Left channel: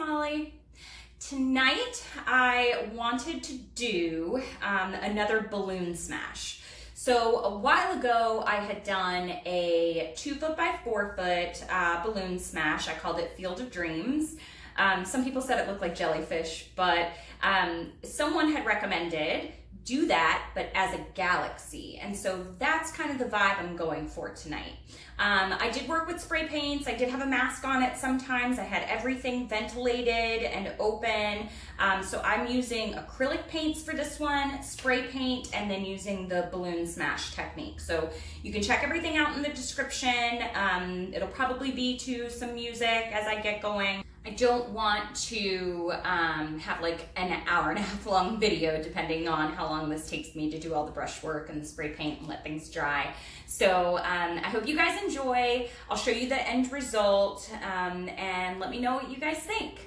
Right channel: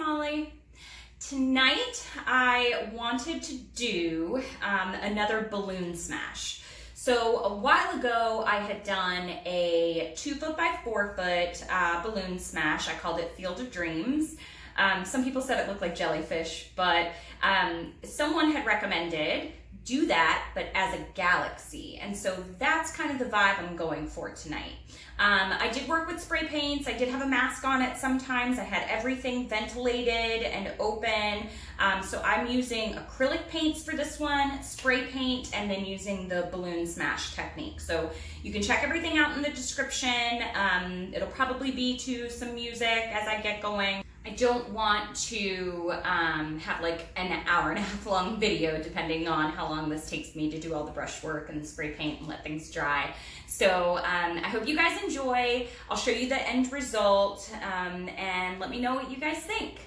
Molly. Tonight I wanted to do another balloon smash. So a while ago I had done a 2 foot by 4 foot balloon smash. I called it Field of Dreams. Some people said it looked like jellyfish, but someone had recommended do that, but as a galaxy. And so that's kind of the vibe I'm going for tonight. I did work with spray paints. I did have a mask on it sometimes. I had everything ventilated and open. So I'm using acrylic paints for this one, spray paint, and then using the balloon smash technique. So you can check everything out in the description. It'll probably be to some music as I get going. I don't want to have like an hour and a half long video depending on how long this takes me to do all the brush work and the spray paint and let things dry. So I hope you guys enjoy. I'll show you the end result and let me know what you guys think.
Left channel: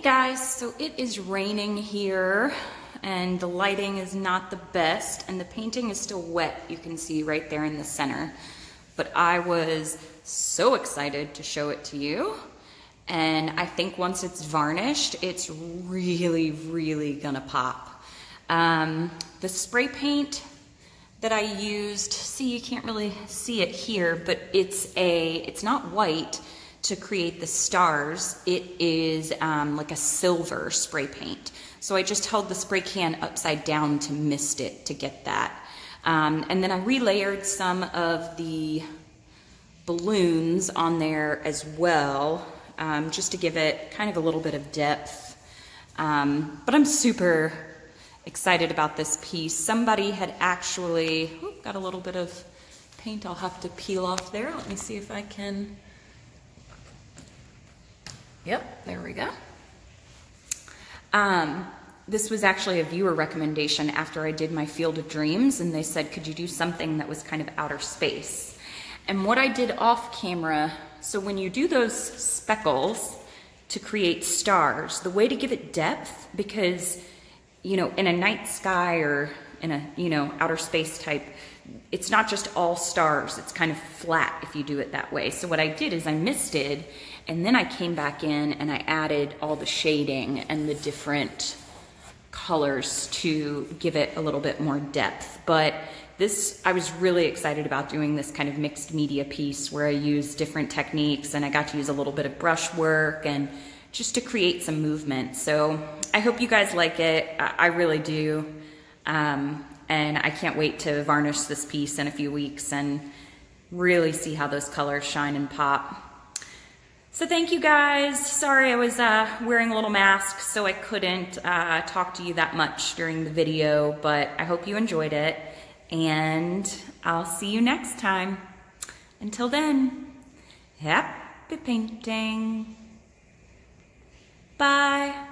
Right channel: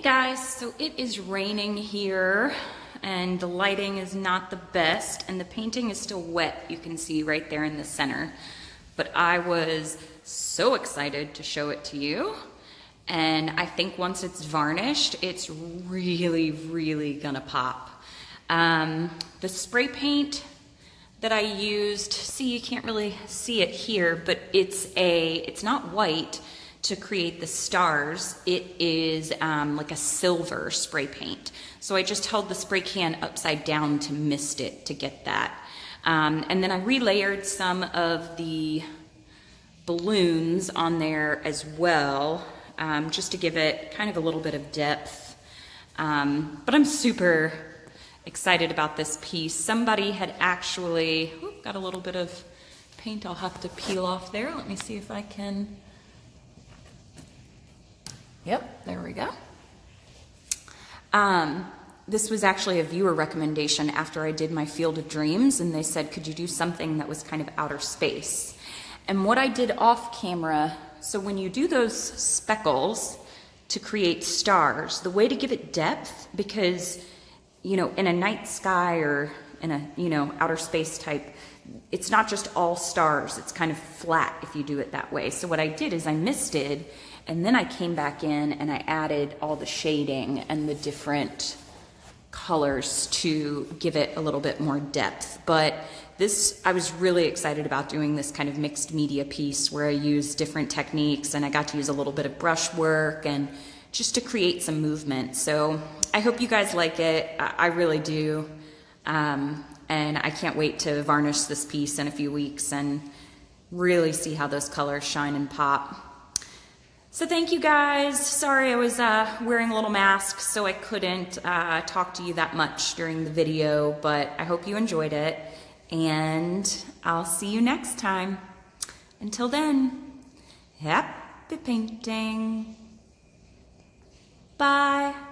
Hey guys, so it is raining here and the lighting is not the best and the painting is still wet, you can see right there in the center. But I was so excited to show it to you, and I think once it's varnished, it's really, really gonna pop. The spray paint that I used, see, you can't really see it here, but it's not white to create the stars. It is like a silver spray paint. So I just held the spray can upside down to mist it to get that. And then I relayered some of the balloons on there as well, just to give it kind of a little bit of depth. But I'm super excited about this piece. Somebody had actually, got a little bit of paint I'll have to peel off there. Let me see if I can. Yep, there we go. This was actually a viewer recommendation after I did my Field of Dreams, and they said, could you do something that was kind of outer space? And what I did off camera, so when you do those speckles to create stars, the way to give it depth, because, you know, in a night sky or in a, you know, outer space type, it's not just all stars, it's kind of flat if you do it that way. So what I did is I misted, and then I came back in and I added all the shading and the different colors to give it a little bit more depth. But this, I was really excited about doing this kind of mixed media piece where I used different techniques and I got to use a little bit of brush work and just to create some movement. So I hope you guys like it. I really do. And I can't wait to varnish this piece in a few weeks and really see how those colors shine and pop. So thank you guys. Sorry I was wearing a little mask, so I couldn't talk to you that much during the video, but I hope you enjoyed it, and I'll see you next time. Until then, happy painting. Bye.